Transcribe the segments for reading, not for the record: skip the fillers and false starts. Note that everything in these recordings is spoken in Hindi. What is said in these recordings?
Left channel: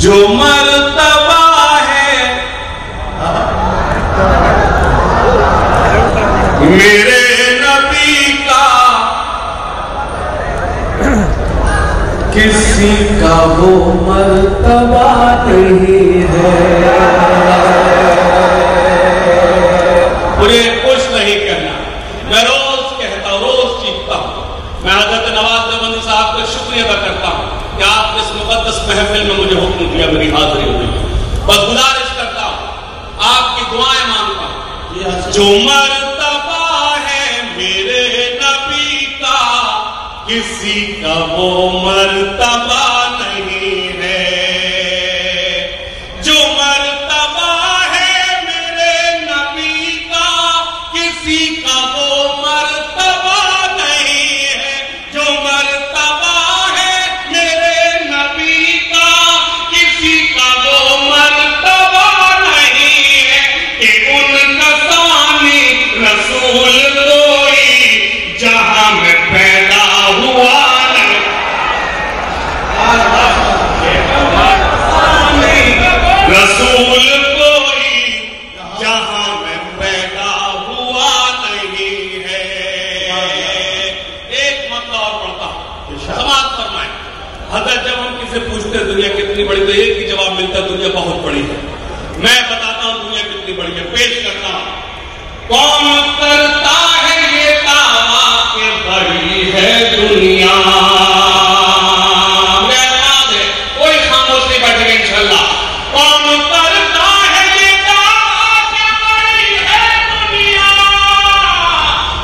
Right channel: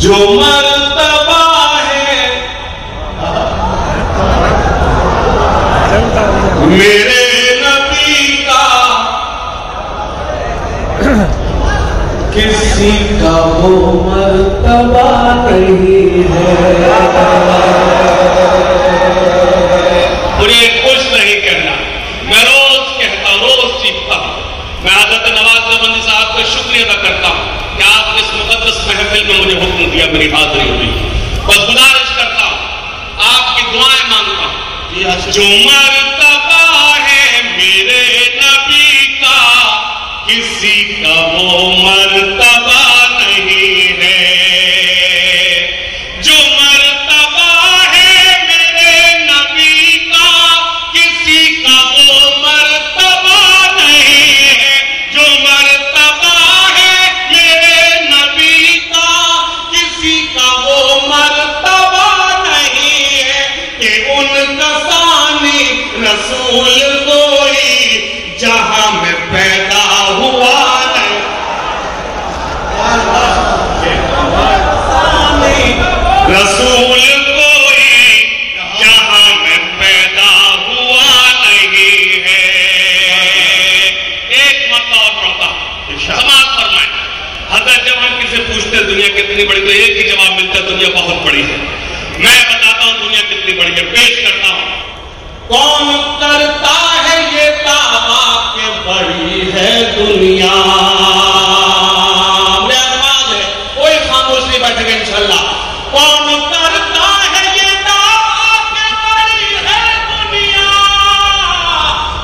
जो मर्तबा है मेरे नबी का किसी का वो मर्तबा नहीं है। उन्हें कुछ नहीं कहना। मैं रोज कहता हूं, रोज सीखता हूं। मैं हज़रत नवाज देवबंदी साहब का शुक्रिया अदा करता हूं कि आपने इस मुकद्दस महफिल में मुझे हुक्म दिया, मेरी हाजिरी हुई। बस गुजारिश करता हूं, आपकी दुआएं मांगता हूं। जो मर्तबा है मेरे नबी का किसी का वो मर्तबा नहीं है। जो मर्तबा है मेरे नबी का किसी का वो मर्तबा नहीं है। जो मर्तबा है मेरे नबी का किसी का वो मर्तबा नहीं है कि उनका सानी रसूल कोई जहां में पैदा हुआ नहीं। रसूल कोई जहां में पैदा हुआ नहीं है। एक मतलब और पढ़ता समाज फरमाए। अगर जब हम किसी पूछते दुनिया कितनी बड़ी, तो एक ही जवाब मिलता दुनिया बहुत बड़ी है। मैं बताता हूं दुनिया कितनी बड़ी है, पेश करता हूं। कौन करता है ये दावा कि बड़ी है दुनिया? कोई खामोश नहीं बैठेगा इंशाल्लाह। कौन करता है ये दावा कि बड़ी है दुनिया?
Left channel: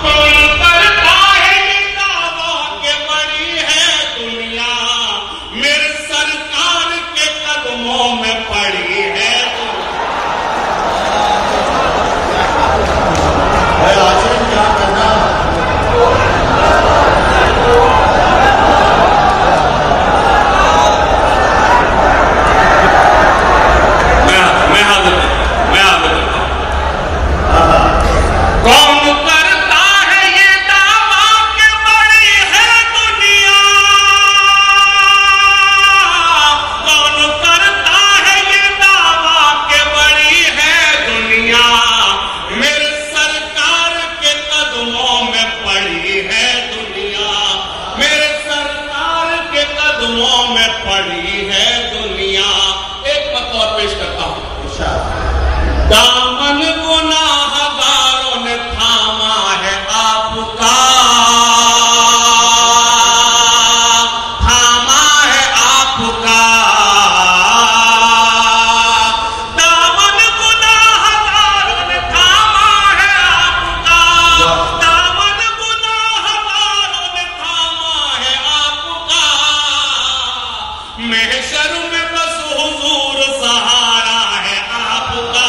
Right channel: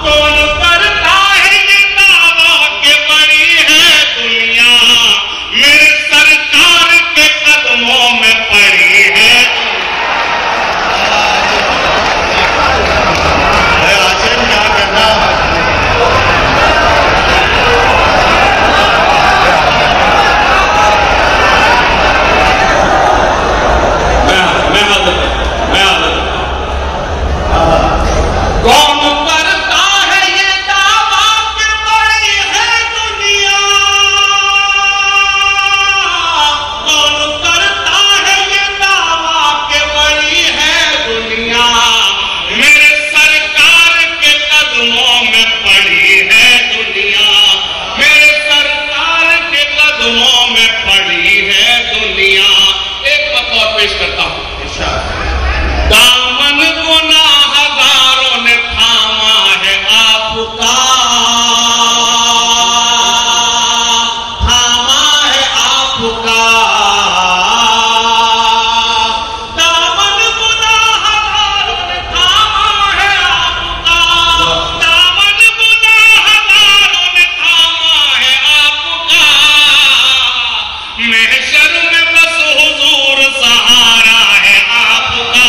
कौन करता है ये दावा कि बड़ी है दुनिया? मेरे सरकार के कदमों में पड़ी है। कौन करता है ये दावा कि बड़ी है दुनिया? कौन करता है ये दावा कि बड़ी है दुनिया? मेरे सरकार के कदमों में पड़ी है दुनिया। मेरे सरकार के कदमों में पड़ी है दुनिया। एक बतौर पेश करता हूं। दामन गुनाहगारों ने थामा है आपका, थामा है आपका। दामन गुनाहगारों ने थामा है आपका। दामन गुनाहगारों ने थामा है आपका। महशर में बस हुजूर सहारा है आपका।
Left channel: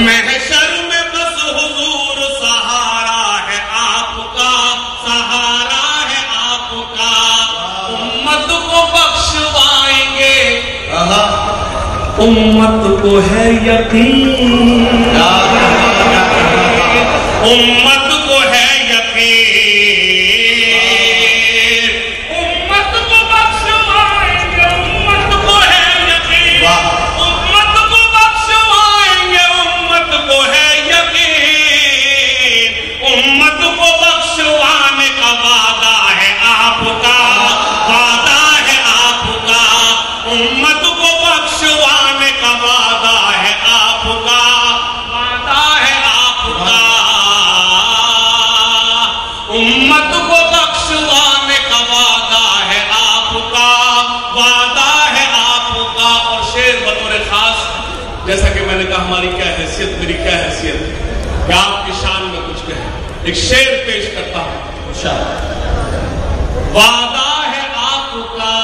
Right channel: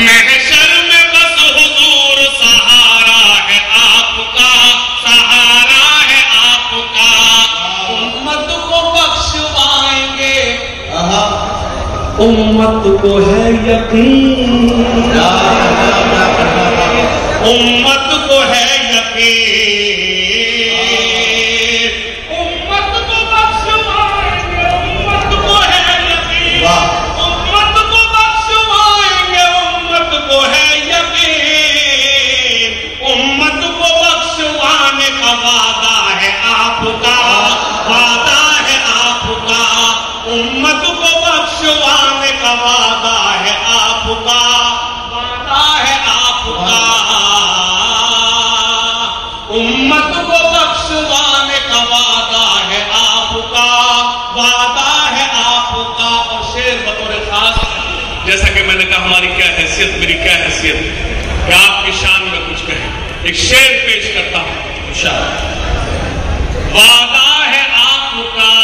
महशर में बस हुजूर सहारा है आपका, सहारा है आपका। उम्मत को बख्शवाएंगे, उम्मत को है यकीन, उम्मत को है यकीन। उम्मत को बख्शवाएंगे, उम्मत को है यकीन। उम्मत को बख्शवाएंगे, उम्मत को है यकीन। उम्मत को बख्शवाने का वादा है आपका, वादा है आपका। उम्मत को बख्शवाने का वादा है आपका, वादा है आपका। उम्मत को बख्शवाने का वादा है आपका, वादा है आपका। और शेर बतौर खास, जैसा कि मैंने कहा हमारी क्या हैसियत, मेरी क्या हैसियत कि आपकी शान में कुछ कहे। एक शेर पेश करता हूं। वादा है आपका,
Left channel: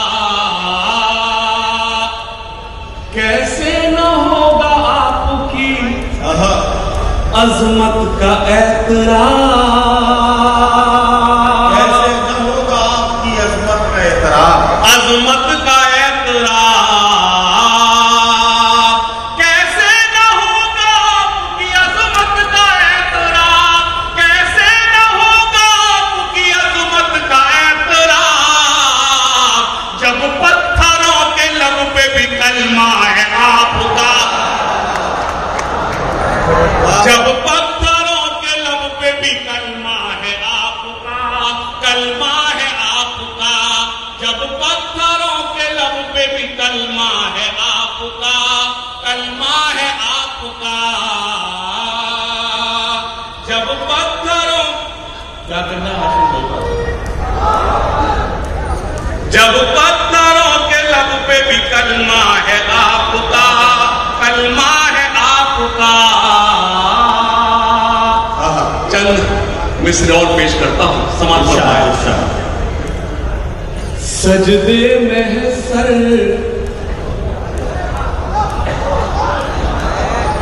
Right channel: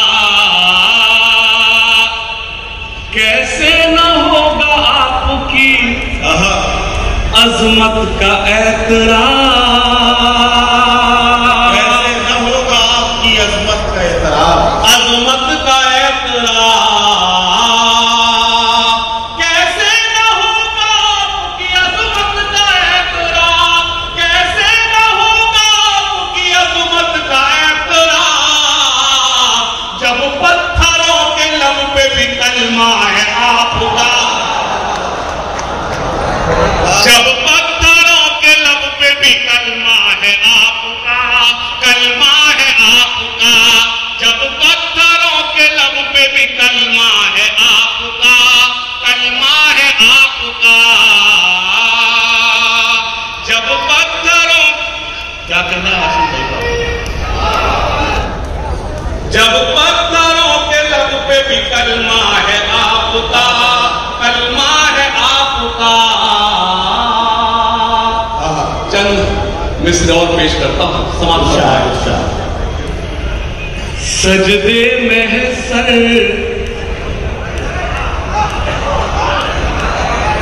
कैसे न होगा आपकी अजमत का एतरार। कैसे न होगा आपकी अजमत का एतरार, अजमत का एतरार। कैसे न होगा आपकी अजमत का एतरार। कैसे न होगा आपकी अजमत का एतरार। जब जब पत्थरों के लब पे भी कलमा है आपका, जब पत्थरों के लब पे भी कलमा है आपका, कलमा है आपका, जब पत्थरों के लब पे भी कलमा है आपका, कलमा है आपका, जब पत्थरों, क्या करना है जब पत्थरों के लब पे भी कलमा है आपका, कलमा है आपका। चंद मिसरे और पेश करता हूं, समाज सजदे में है सर,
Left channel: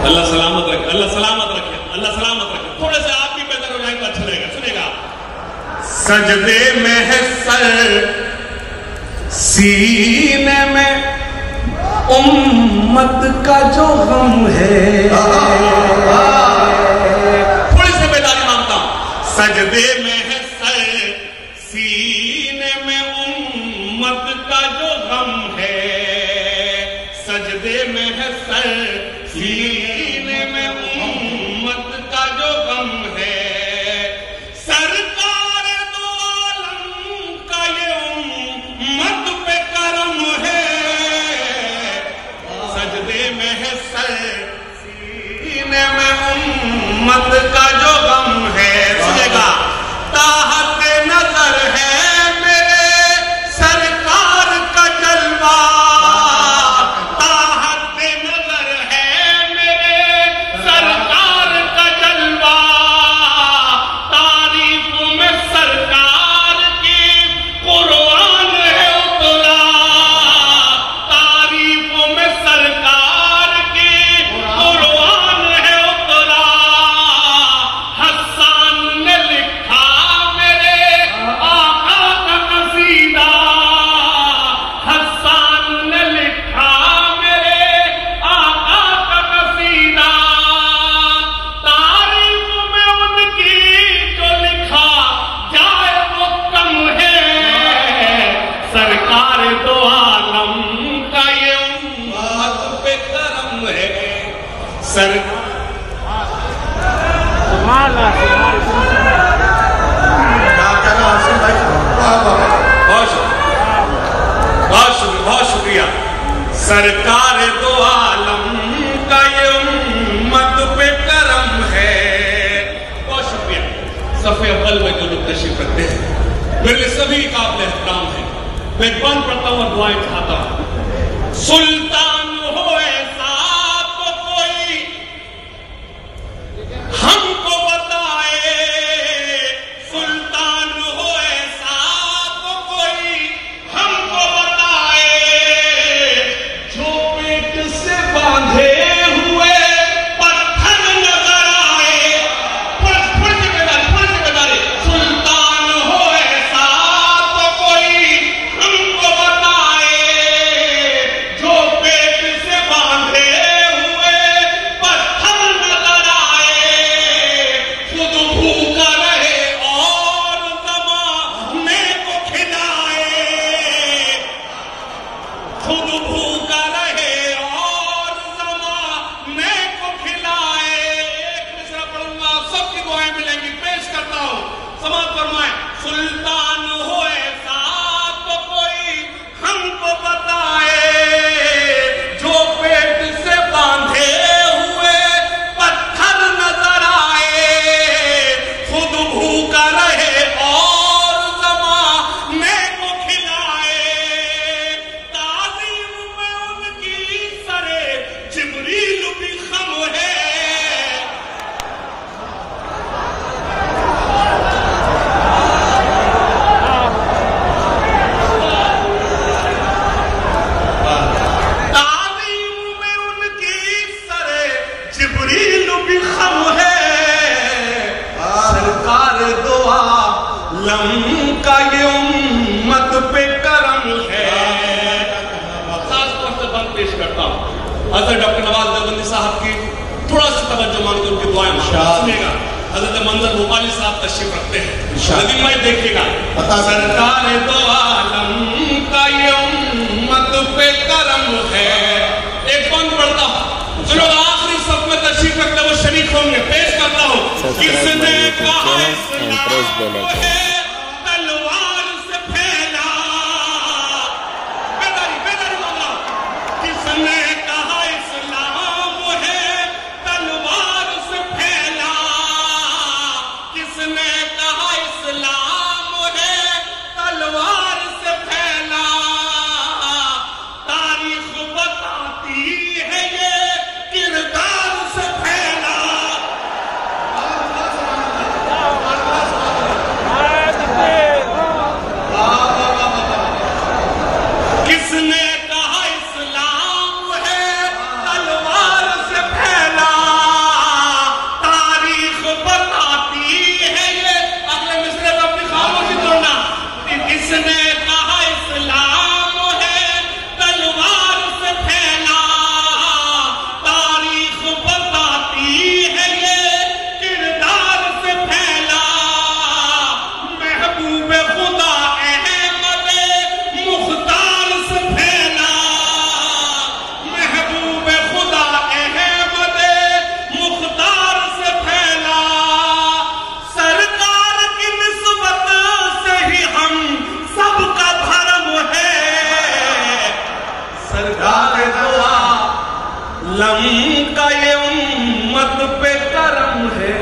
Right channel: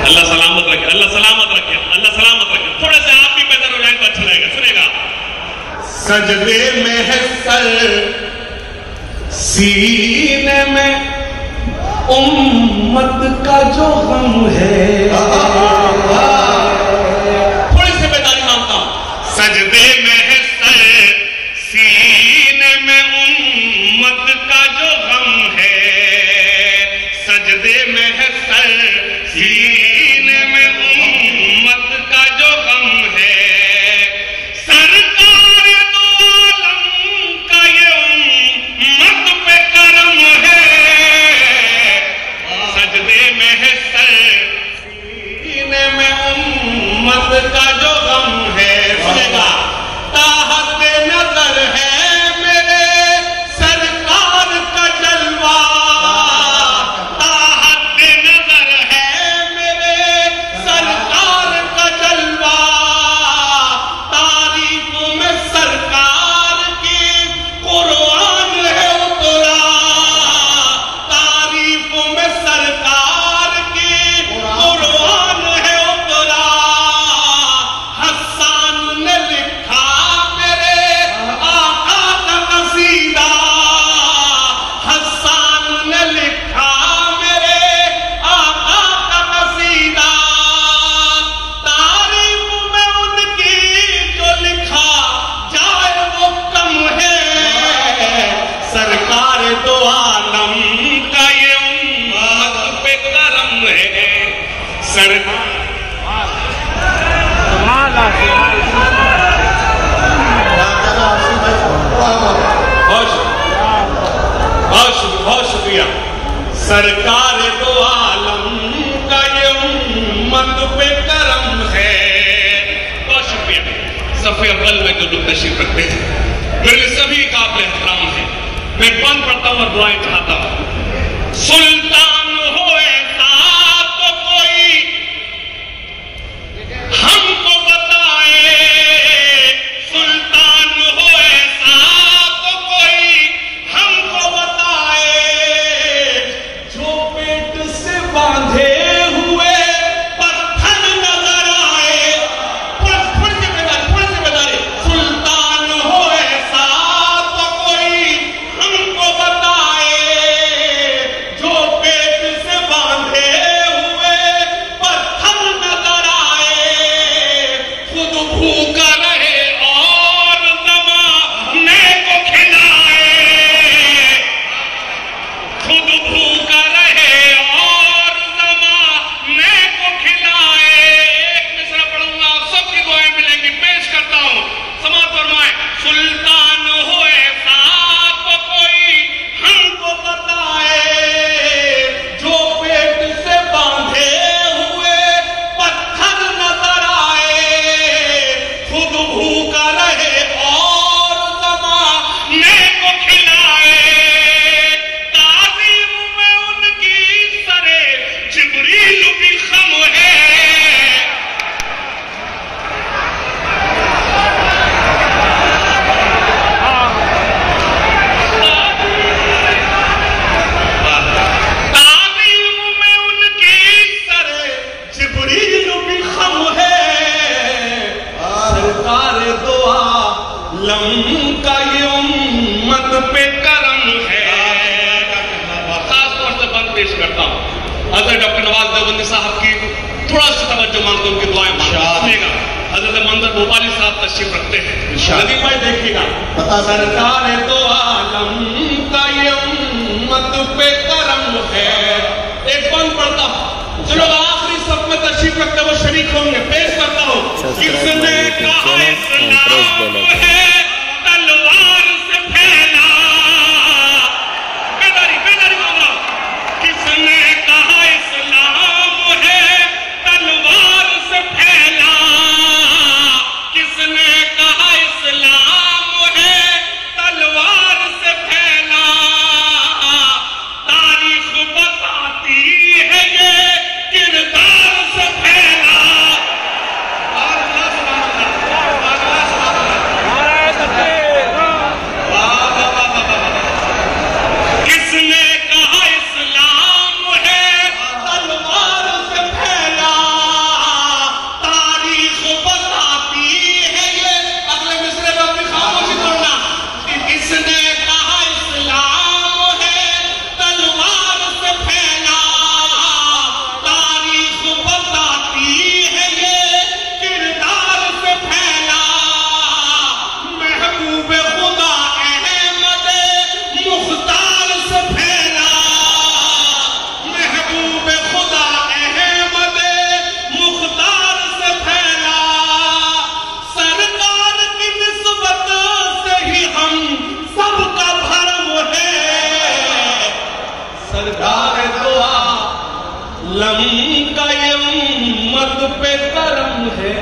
अल्लाह सलामत रखे, अल्लाह सलामत रखे, अल्लाह सलामत रखे। थोड़े से आप भी बेहतर हो जाए तो अच्छा रहेगा। सुनेगा, सजदे में है सर, सीने में उम्मत का जो गम है, थोड़ी सी बेदारी मांगता हूं। सजदे में है सर, सीने में उम्मत का जो गम है, सजदे में है सर, सीने में उम्मत का जो गम है, सरकार दो आलम का ये उम्मत पे करम है, सजदे में है सर, सीने में उम्मत का जो गम है। सुनेगा, ताहत नजर है मेरे सरकार का जलवा, ताहत नजर है मेरे सरकार का जलवा, तारीफ में सरकार की कुरान है उतरा, तारीफ में सरकार की कुरान है उतरा, हसन ने लिखा मेरे आका का कसीदा, हसन ने लिखा मेरे आका का कसीदा, तारीफ में उनकी जो लिखा जाए वो कम है, सरकार दो आलम का ये उम्मत पे करम है, सरकार बहुत शुक्रिया। सरकार दो आलम का ये उम्मत पे करम है। बहुत शुक्रिया। सफ़े अव्वल में जो लोग तशरीफ रखते हैं मेरे सभी काबिल एहतराम है। मैं कौन पढ़ता हूँ, दुआएं चाहता हूँ। सुल्तान हो ऐसा तो कोई हमको बताए, सुल्तान हो ऐसा तो कोई हमको बताए, जो पेट से बांधे हुए पत्थर नजर आए, थोड़ी सी बेदारी, सुल्तान हो ऐसा तो कोई हमको बताए, जो पेट से बांधे हुए पत्थर नजर आए, खुद भूखा रहे और ज़माने को खिलाए, खुद भूखा रहे और ज़माने को खिलाए। एक मिसरा पढ़ूंगा, आप सबकी दुआएं मिलेंगी, पेश करता हूं, समाअत फरमाएं। सुल्तान हो ऐसा तो कोई हमको बताए, जो पेट से बांधे हुए पत्थर नजर आए, खुद भूखा रहे और ज़माने को खिलाए, ताज़ीम में उनकी सरे जिब्रील भी खम है, ताज़ीम में उनकी सरे जिब्रील भी खम है, सरकार दो आलम का ये उम्मत पे करम है। खास तौर से बात पेश करता हूँ हज़रत डॉक्टर नवाज देवबंदी साहब की, थोड़ा सा तवज्जो मांगते उनकी दुआएं सुनिएगा। हज़रत मंजर भोपाली साहब तशरीफ रखते हैं, नदीम भाई देखिएगा। सरकार दो आलम का ये जो लोग आखिरी सब में तशरीफ रखते हुए शरीक होंगे, पेश करता हूँ। Subscribe my YouTube channel and press bell icon. तलवार से फैला, बेदारी बेदारी बोल रहा हूँ। किसने कहा इस्लाम है तलवार से फैला, किसने कहा इस्लाम है तलवार से फैला, तारीख बताती है ये किरदार से फैला। किसने कहा इस्लाम है तलवार से फैला, तारीख बताती है ये। अगले मिसरे में अपनी खामोशी तोड़ना। किसने कहा इस्लाम है तलवार से फैला, तारीख बताती है ये किरदार से फैला। महबूब खुदा अहमद मुख्तार से फैला, महबूब खुदा अहमद मुख्तार से फैला। सरकार की निस्बत से ही हम सबका धर्म है, सरकार दुआ लम का ये उम्मत पे करम है।